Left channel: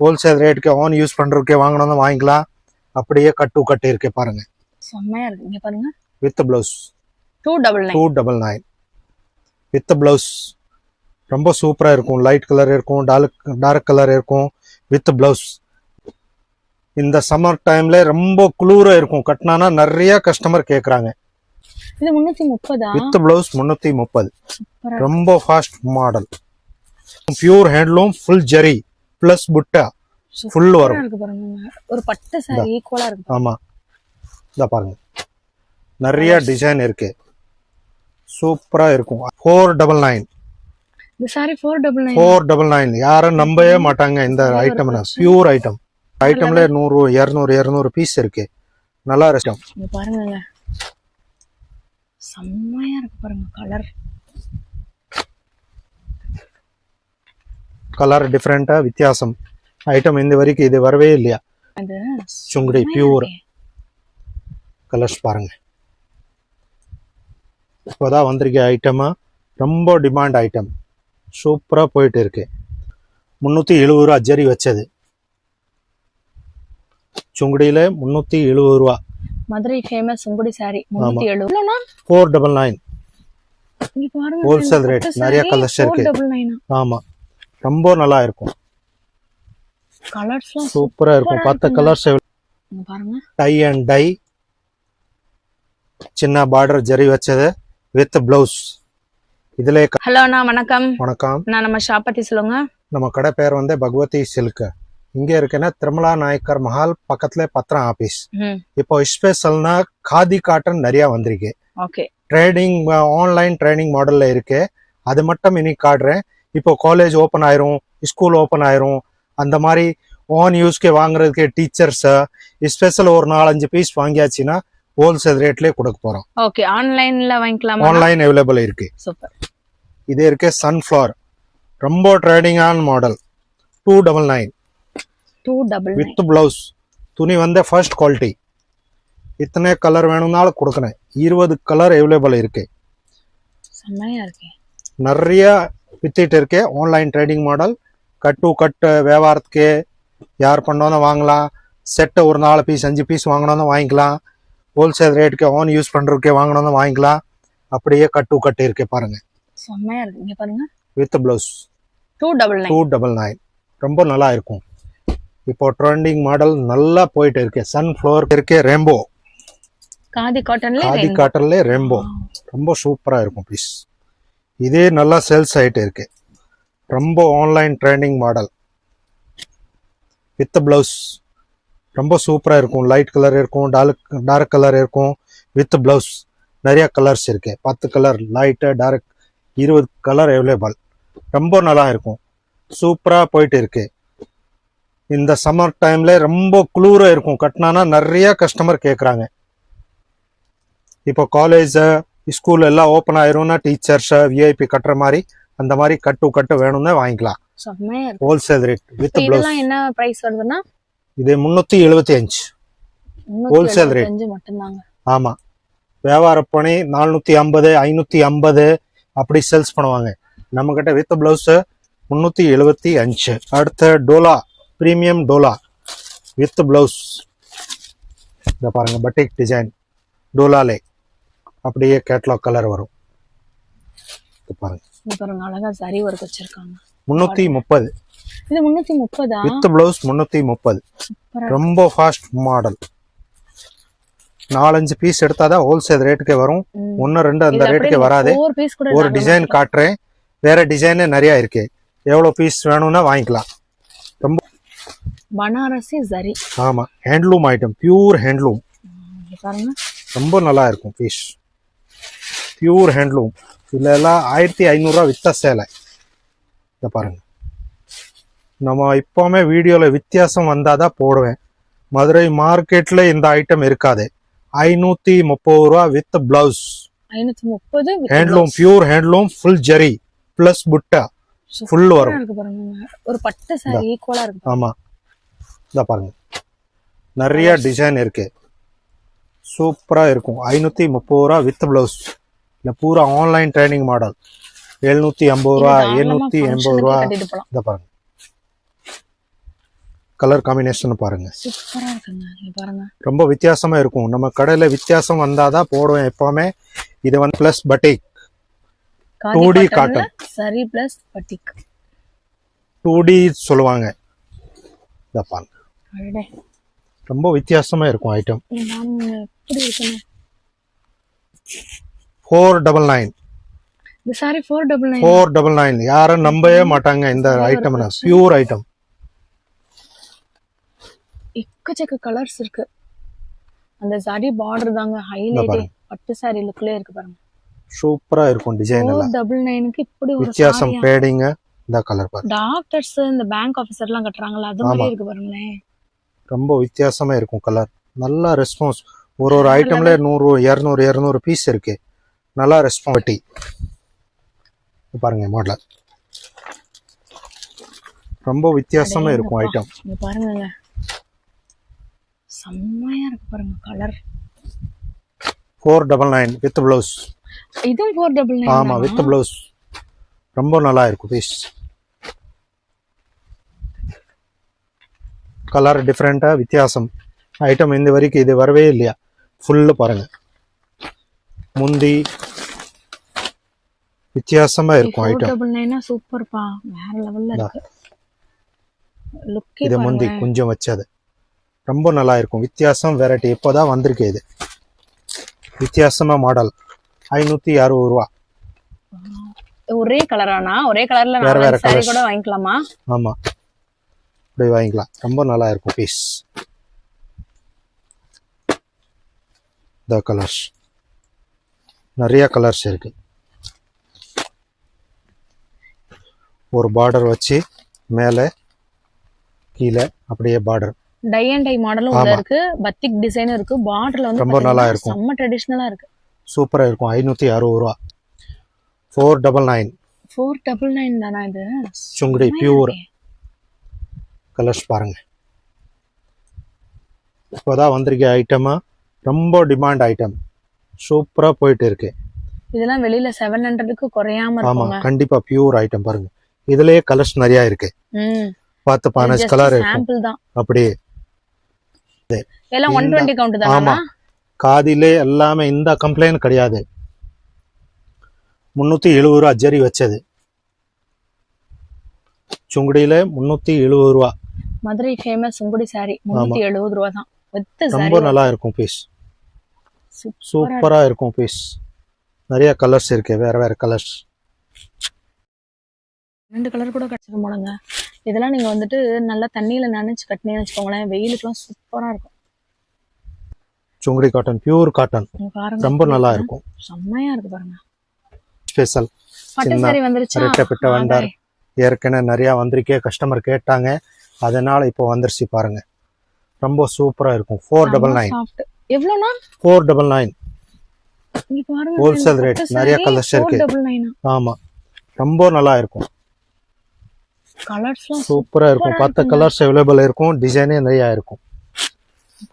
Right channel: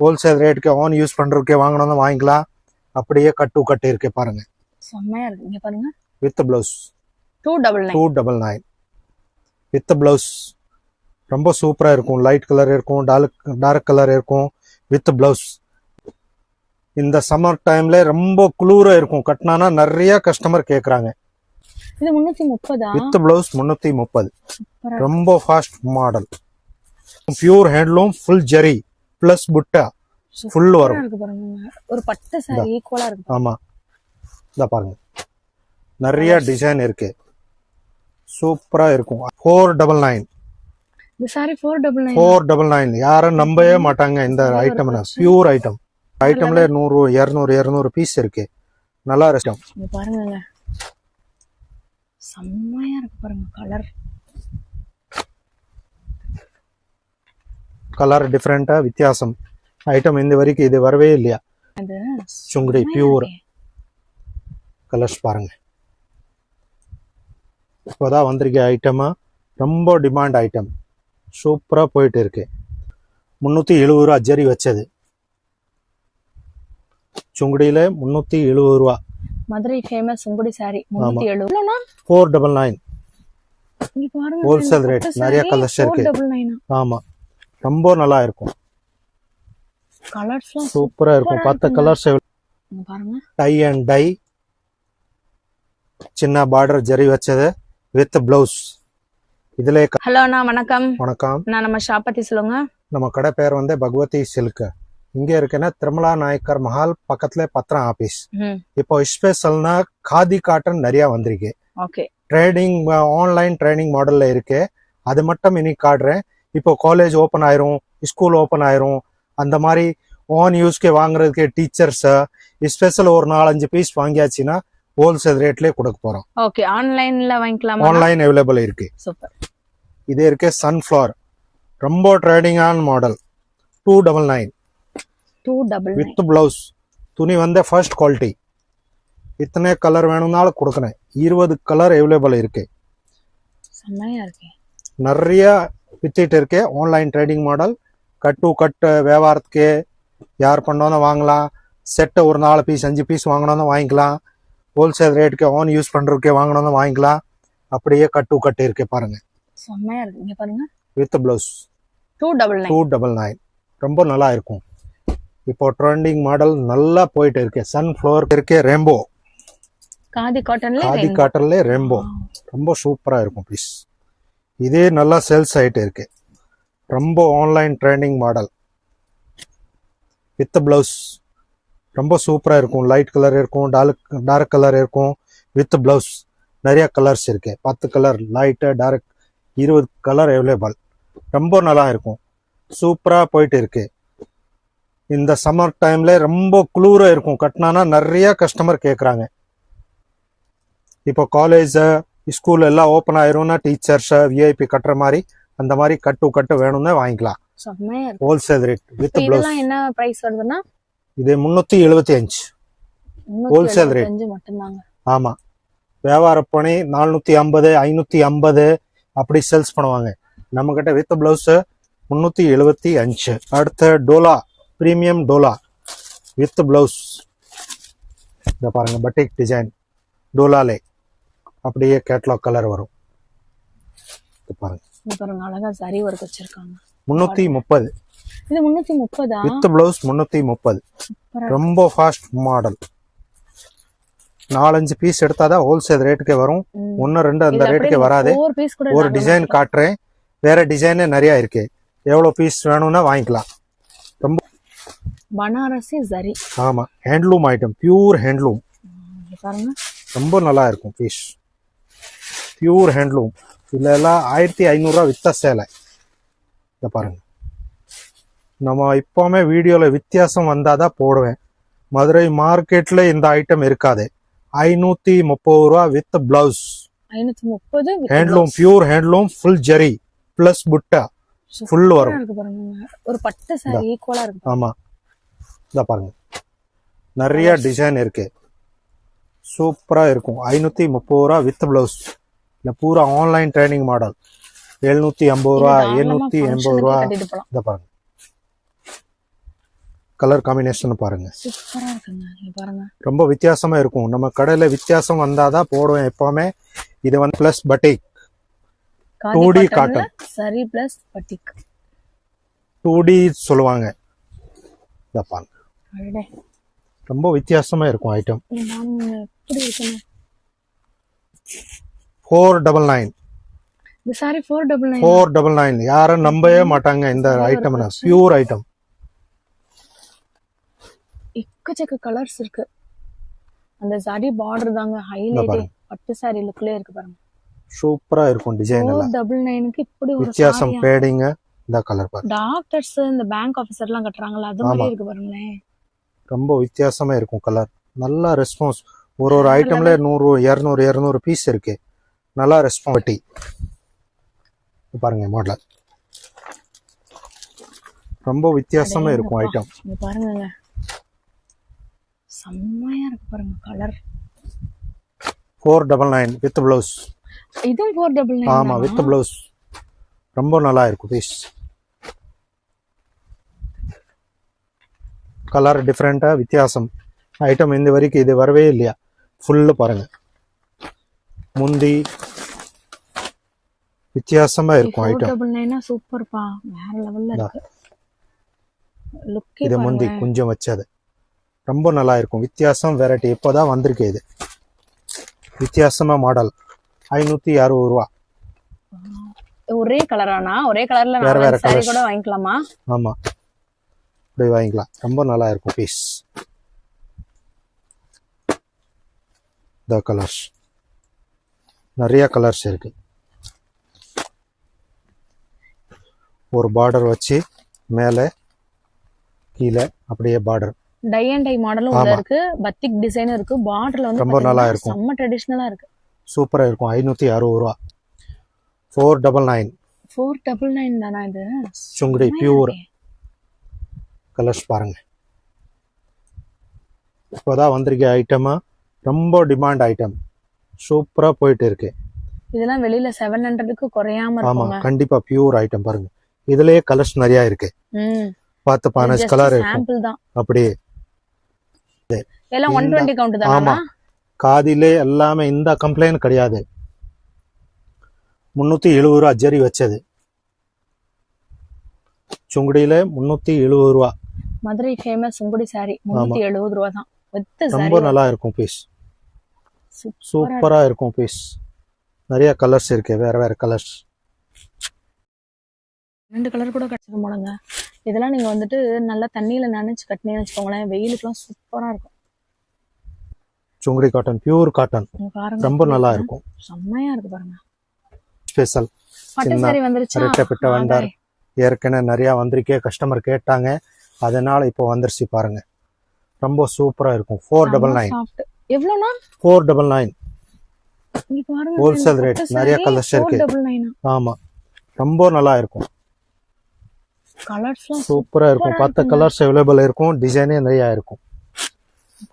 Wholesale ரேட்டுக்கு on use பண்றதுக்கே வாங்கணும் வாங்கிக்கலாம். அப்படியே கட்டு கட்டு இருக்கு பாருங்க, செம்மையா இருக்கு. இங்க பாருங்க, வித் பிளவுஸ் 299 வித் பிளவுஸ் ரொம்ப சூப்பரா இருக்கும். லைட் கலர் இருக்கும், டார்க் கலர் இருக்கும், வித் பிளவுஸ். இந்த சம்மர் டைம்ல ரொம்ப குளிர இருக்கும், கட்டினானா நிறைய கஸ்டமர் கேக்குறாங்க. இது 330 வித் பிளவுஸ் 330. ரொம்ப fast model, pure handloom, full zari plus புட்டா ஃபுல் வரும். ஒரு பட்டு சாரி ஈக்குவலா இருக்கு. ஆமா, இத பாருங்க, நிறைய டிசைன் இருக்கு, சூப்பரா இருக்கும். 499. இந்த சாரி 499 யாரும் நம்பவே மாட்டாங்க இந்த ஐட்டம். பியூர் ஐட்டம்ல 100 200 பீஸ் இருக்கு. நல்லா இருக்கும் பாருங்க, செம்மையா இருக்கு பாருங்க. கலர் டிஃபரெண்டா வித்தியாசம் ஐட்டம் இந்த வரைக்கும் இது வரவே இல்லையா. சுங்குடி பியூர் கலர்ஸ் பாருங்க, இப்போதான் வந்திருக்க ஐட்டமா, ரொம்ப டிமாண்ட் ஐட்டம், சூப்பரா போயிட்டு இருக்கு. 370 ரூபா ஜரி வச்சது, சுங்குடியில 370 ரூபா. Madurai famous Sungudi sorry 370. 499 wholesale rate. நிறைய கலர்ஸ் இருக்கு. ஆமா, ரொம்ப நல்லா இருக்கும், சூப்பரா இருக்கும். 10 கலர்ஸ் பாருங்க. டை அண்ட் டை, சின்ன பார்டர் ஜரி வச்சது வித் பிளவுஸ். இதுல ஹலோ அண்ணா, வணக்கம். வணக்கம். நான் நம்ம ஷாப் பத்தி சொல்லுங்க. நம்ம கடை பேர் வந்து பகவதி சில்க். இங்க இருக்குன்னா திருமலா நாயக்கர் மஹால் பக்கத்துல பத்திரம் ஆபீஸ். இப்போ ஸ்பெஷல்னா காதி காட்டன் நிறைய வந்திருக்கு. ட்ரேடிங், ஆன்லைன் ட்ரைனிங் மாடல்ல இருக்கு. அது மட்டும் இன்னைக்கு காட்டுறேன். இப்போ காலேஜ் ஓப்பன் ஆயிரும், ஸ்கூல் ஓப்பன் ஆயிரும், அந்த மாதிரி ஆன் யூஸ்க்கு வாங்குறதுக்கு டீச்சர்ஸ் ஸ்பெஷல் ஒரு 4-5 பீஸ் வாங்கியாச்சுன்னா ஹோல்சேல் ரேட்லயே கொடுக்க போறோம். ஓகே, ஆன்லைன்ல வாங்கிக்கலாம். ஆன்லைன் அவைலபிள் இருக்கு. சூப்பர். இது இருக்கு சன்ஃப்ளவர், ரொம்ப ட்ரெண்டிங்கான மாடல். 299 with blouse. துணி வந்து ஃபர்ஸ்ட் குவாலிட்டி. இத்தனை கலர் வேணும்னாலும் கொடுக்கணும். 20 கலர் அவைலபிள் இருக்கு. செம்மையா இருக்கு, நிறைய வித்திட்டு இருக்கு. ஆன்லைன் ட்ரேடிங் மாடல், கட்டு கட்டு வியாபாரத்துக்கு யார் பண்ணாலும் வாங்கலாம். செட்டை ஒரு 4 பீஸ் 5 பீஸ் வாங்கணும் வாங்கிக்கலாம். ஹோல்சேல் ரேட்டுக்கு ஆன் யூஸ் பண்றதுக்கே வாங்கணும் வாங்கிக்கலாம். அப்படியே கட்டு கட்டு இருக்கு பாருங்க, செம்மையா இருக்கு. இங்க பாருங்க, வித் பிளவுஸ் 299 ரொம்ப நல்லா இருக்கும். இப்போ ட்ரெண்டிங் மாடல் நல்லா போயிட்டு இருக்கு. சன்ஃப்ளவர் இருக்கு, ரெம்போ காதி காட்டன்ல ரெம்போ ரொம்ப சூப்பரா இருக்கும் பீஸ். இதே நல்லா சேல்ஸ் ஆயிட்டு இருக்கு. ரொம்ப online trending model with blouse, ரொம்ப சூப்பரா இருக்கும். லைட் கலர் இருக்கும், டார்க் கலர் இருக்கும், வித் பிளவுஸ். நிறைய கலர்ஸ் இருக்கு, 10 colour, light dark, 20 colour available. ரொம்ப நல்லா இருக்கும், சூப்பரா போயிட்டு இருக்கு. இந்த சம்மர் டைம்ல ரொம்ப குளிர இருக்கும், கட்டினானா நிறைய கஸ்டமர் கேக்குறாங்க. இப்போ காலேஜ் ஸ்கூல் எல்லாம் ஓப்பன் ஆயிரும்னா டீச்சர்ஸ் விஐபி கட்டுற மாதிரி அந்த மாதிரி கட்டு வேணும்னா வாங்கிக்கலாம். Wholesale rate with blouse. என்ன பிரைஸ் வருதுன்னா இது 375 ஹோல்சேல் ரேட் மட்டும்தாங்க. ஆமா, வியாபார பணி 450 550 அப்படி சேல்ஸ் பண்ணுவாங்க. நம்ம கிட்ட வித் பிளவுஸ் 375. அடுத்த Dola, premium Dola with blouse. இத பாருங்க, பட்டிக் டிசைன் டோலாலே அப்படியே கேட்லாக் கலர் வரும். பாருங்க, அழகா சரி வர்க் வச்சிருக்காங்க. 330. இது 330 வித் பிளவுஸ் 330. ரொம்ப ஃபாஸ்ட் மாடல். 4-5 பீஸ் எடுத்தாதான் ஹோல்சேல் ரேட்டுக்கே வரும். 1-2 அந்த ரேட்டுக்கே வராது. ஒரு டிசைன் காட்டுறேன், வேற டிசைன் நிறைய இருக்கு. எவ்வளவு பீஸ் வேணும்னா வாங்கிக்கலாம். ரொம்ப பனாரசி ஜரி. ஆமா, ஹேண்ட்லூம் ஐட்டம், பியூர் ஹேண்ட்லூம். பாருங்க, ரொம்ப நல்லா இருக்கும் பீஸ், பியூர் ஹேண்ட்லூம். இதுல எல்லாம் 1500 ரூபா வித்த சேலை. இத பாருங்க, நம்ம இப்பவுமே வீடியோல வித்தியாசம் வந்தாதான் போடுவேன். மதுரை மார்க்கெட்ல இந்த ஐட்டம் இருக்காது. 530 ரூபா with blouse. 530 handloom, pure handloom, full zari plus புட்டா ஃபுல் வரும். ஒரு பட்டு சாரி ஈக்குவலா இருக்கு. ஆமா, இத பாருங்க, நிறைய டிசைன் இருக்கு, சூப்பரா இருக்கும். 530 ரூபா வித் பிளவுஸ். இந்த பூரா ஆன்லைன் ட்ரைனிங் மாடல். 750 ரூபா 780 ரூபா. இத பாருங்க, கலர் காம்பினேஷன் பாருங்க, சூப்பரா இருக்குங்க. இங்க பாருங்க. ரொம்ப வித்தியாசமா இருக்கும். நம்ம கடையில வித்தியாசம் வந்தாதான் போடுவேன் எப்பவுமே. இது வந்து பிளஸ் பட்டிக் காதி 2D காட்டன்ல காட்டன் சரி பிளஸ் பட்டிக். 2D சொல்லுவாங்க. இத பாருங்க, அடடே. ரொம்ப வித்தியாசமா இருக்கும் ஐட்டம். நாம எப்படி இருக்குங்க? 499 இந்த சாரி 499. 499 யாரும் நம்பவே மாட்டாங்க இந்த ஐட்டம்னா. Pure item. எக்கச்சக்க கலர்ஸ் இருக்கு. அந்த சாரி பார்டர் தாங்க ஹைலைட். பட்டு சாரி லுக்ல இருக்கு பாருங்க. சூப்பரா இருக்கும் டிசைன் எல்லாம். 499க்கு இப்படி ஒரு வித்தியாசம் சாரி. பேடிங்க இந்த கலர் பாருங்க. டாக்டர்ஸ் இந்த பேங்க் ஆபீசர் எல்லாம் கட்டுறாங்கல அது மாதிரி இருக்கு பாருங்களேன். ரொம்ப வித்தியாசமா இருக்கும் கலர். நல்ல ரெஸ்பான்ஸ். ஒரு ஐட்டம்ல 100 200 பீஸ் இருக்கு. நல்லா ரெஸ்பான்சிபிலிட்டி பாருங்க. மாடல் ரொம்ப வித்தியாசமா இருக்கும் ஐட்டம். இங்க பாருங்க, செம்மையா இருக்கு பாருங்க கலர். 499 with blouse. இதுவும் 499. ஆமா, வித் ப்ளவுஸ். ரொம்ப நல்லா இருக்கும் பீஸ். கலர் டிஃப்ரெண்டா வித்தியாசம் ஐட்டம். இந்த வரைக்கும் இது வரவே இல்லையா. ஃபுல்லு பாருங்க, முந்தி வித்தியாசமா இருக்கும் ஐட்டம். 499 சூப்பர்ப்பா, வேற லெவல்ல இருக்கு. லுக் இது முந்தி கொஞ்சம் வச்சது ரொம்ப நல்லா இருக்கும். வித்தியாசம் வெரைட்டி இப்போதான் வந்திருக்கு. இது வித்தியாசமா மாடல். 560 ரூபா. ஒரே கலரானா? ஒரே கலர்ல வேற வேற சாரி கலர்ஸ் கூட வாங்கிக்கலாமா? ஆமா, இப்படி வாங்கிக்கலாம். ரொம்ப நல்லா இருக்கும் பீஸ். இந்த கலர்ஸ் நிறைய கலர்ஸ் இருக்கு. ஒரு பார்டர் வச்சு மேலே கீழே அப்படியே பார்டர். டை அண்ட் டை மாடலும் உள்ள இருக்கு. பத்திக் டிசைனும் இருக்கு. பார்டர்ல வந்து ரொம்ப நல்லா இருக்கும். செம்ம ட்ரெடிஷனலா இருக்கு. சூப்பரா இருக்கும். 560 ரூபா. 499. 499 தானா இது? சுங்குடி பியூர் கலர்ஸ் பாருங்க. இப்போதான் வந்திருக்க ஐட்டமா. ரொம்ப டிமாண்ட் ஐட்டம். சூப்பரா போயிட்டு இருக்கு. இதெல்லாம் வெளியில 700க்கு குறையாம ஆமா, இருக்குங்க. கண்டிப்பா பியூர் ஐட்டம் பாருங்க. இதுலயே கலர்ஸ் நிறைய இருக்கு. 10-15 கலர் இருக்கும். சாம்பிள் தான். அப்படியே எல்லாம் 120 கவுண்ட் ஆமா, தானா? காதிலே எல்லாமே இந்த கம்ப்ளைண்ட் கிடையாது. 370 ரூபா ஜரி வச்சது. சுங்குடியில 370 ரூபா. மதுரை ஃபேமஸ் சுங்குடி சாரி 370 ரூபா தான். ரொம்ப நல்லா இருக்கும் பீஸ். சூப்பரா இருக்கும் பீஸ். நிறைய கலர்ஸ் இருக்கு, வேற வேற கலர்ஸ். 2 கலர் கூட கிடைச்சிடும் போலங்க. இதெல்லாம் நீங்க வந்துட்டு நல்லா தண்ணியில நனைச்சு கட்டினீங்கன்னு வச்சுக்கோங்களேன், வெயிலுக்குலாம் சூப்பரா இருக்கும். Sungudi cotton, pure cotton. ரொம்ப நல்லா இருக்கும். செம்மையா இருக்கு பாருங்க. ஸ்பெஷல் பட்டு சாரி வந்துருச்சா? ரெட்டப்பட்ட வந்தார். ஏற்கனவே நிறைய வந்திருக்கே, கஸ்டமர் கேட்டாங்க, அதனால இப்போ வந்துருச்சு பாருங்க. ரொம்ப சூப்பரா இருக்கும். 499. எவ்வளோனா? 499. இங்க பாருங்க, ஹோல்சேல் ரேட். நிறைய கலர்ஸ் இருக்கு. 499. ஆமா, ரொம்ப நல்லா இருக்கும். கலர்ஸ்லாம் சூப்பரா இருக்கும். 10 கலர்ஸ் அவைலபிள் இருக்கும். டிசைனே நிறைய இருக்கும்.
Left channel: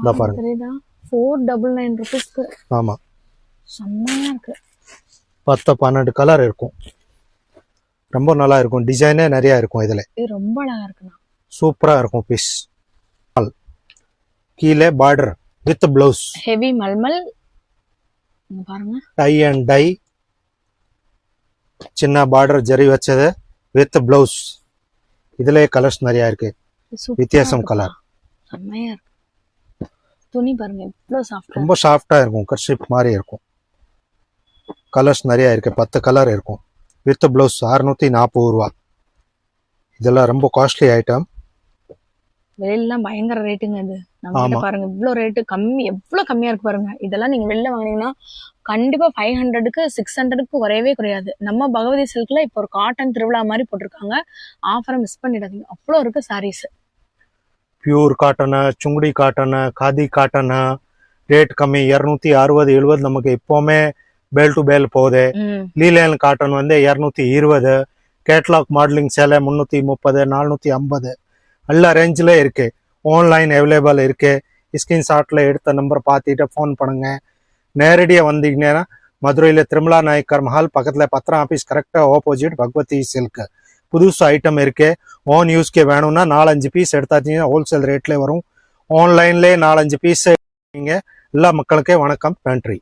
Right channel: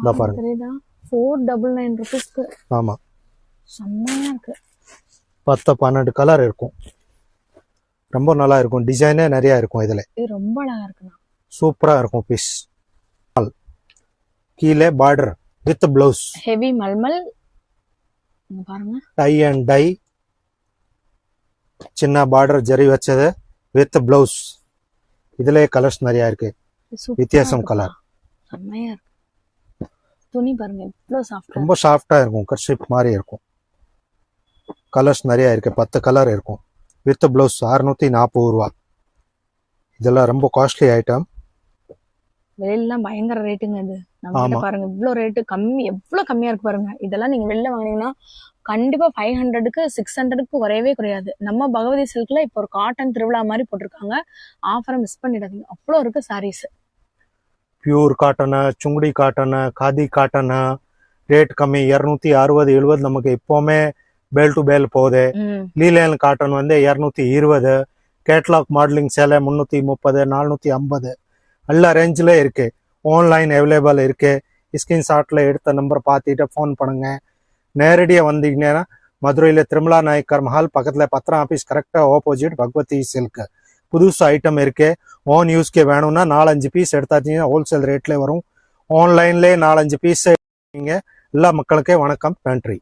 இத பாருங்க. 499 ரூபீஸ்க்கு. ஆமா, செம்மையா இருக்கு. 10-12 கலர் இருக்கும். ரொம்ப நல்லா இருக்கும். டிசைனே நிறைய இருக்கும். இதுல இது ரொம்ப அழகா இருக்குண்ணா. சூப்பரா இருக்கும் பீஸ். கீழே border with blouse. Heavy mulmul. இங்க பாருங்க, டை அண்ட் டை. சின்ன பார்டர் ஜரி வச்சது வித் பிளவுஸ். இதுல கலர்ஸ் நிறைய இருக்கு. வித்தியாசம் கலர். செம்மையா இருக்கு. துணி பாருங்க எவ்வளவு சாஃப்டா. ரொம்ப சாஃப்டா இருக்கும். கர்ஷிப் மாதிரி இருக்கும். கலர்ஸ் நிறைய இருக்கு. 10 கலர் இருக்கும். வித் பிளவுஸ் 640 ரூபா. இதெல்லாம் ரொம்ப காஸ்ட்லி ஐட்டம். வெளியிலாம் பயங்கர ரேட்டுங்க இது. நம்ம பாருங்க இவ்வளவு ரேட்டு கம்மி, எவ்வளவு கம்மியா இருக்கு பாருங்க. இதெல்லாம் நீங்க வெளில வாங்கினீங்கன்னா கண்டிப்பா 500க்கு 600க்கு குறையவே குறையாது. நம்ம பகவதி சில்க்ல இப்போ ஒரு காட்டன் திருவிழா மாதிரி போட்டிருக்காங்க. ஆஃபரை மிஸ் பண்ணிடாதீங்க. அவ்வளோ இருக்கு saris. Pure cotton, Sungudi cotton, khadi cotton. Rate கம்மி. 260 70 நமக்கு எப்பவுமே பேல் டு பேல் போகுது. லீலேன் காட்டன் வந்து 220. கேட்லாக் மாடலிங் சேலை 330 450 எல்லா ரேஞ்சில் இருக்கு. ஆன்லைன் அவைலபிள் இருக்கு. ஸ்கிரீன்ஷாட்டில் எடுத்த நம்பர் பார்த்துட்டு ஃபோன் பண்ணுங்க. நேரடியாக வந்தீங்கன்னா மதுரையில் திருமலா நாயக்கர் மஹால் பக்கத்தில் பத்திரம் ஆஃபீஸ் கரெக்டாக ஆப்போசிட் பகவதி சில்க். புதுசு ஐட்டம் இருக்கு. ஓன் யூஸ்க்கே வேணும்னா 4-5 பீஸ் எடுத்தாச்சுன்னா ஹோல்சேல் ரேட்லேயே வரும். ஆன்லைன்லேயே 4-5 பீஸ். எல்லா மக்களுக்கே வணக்கம். நன்றி.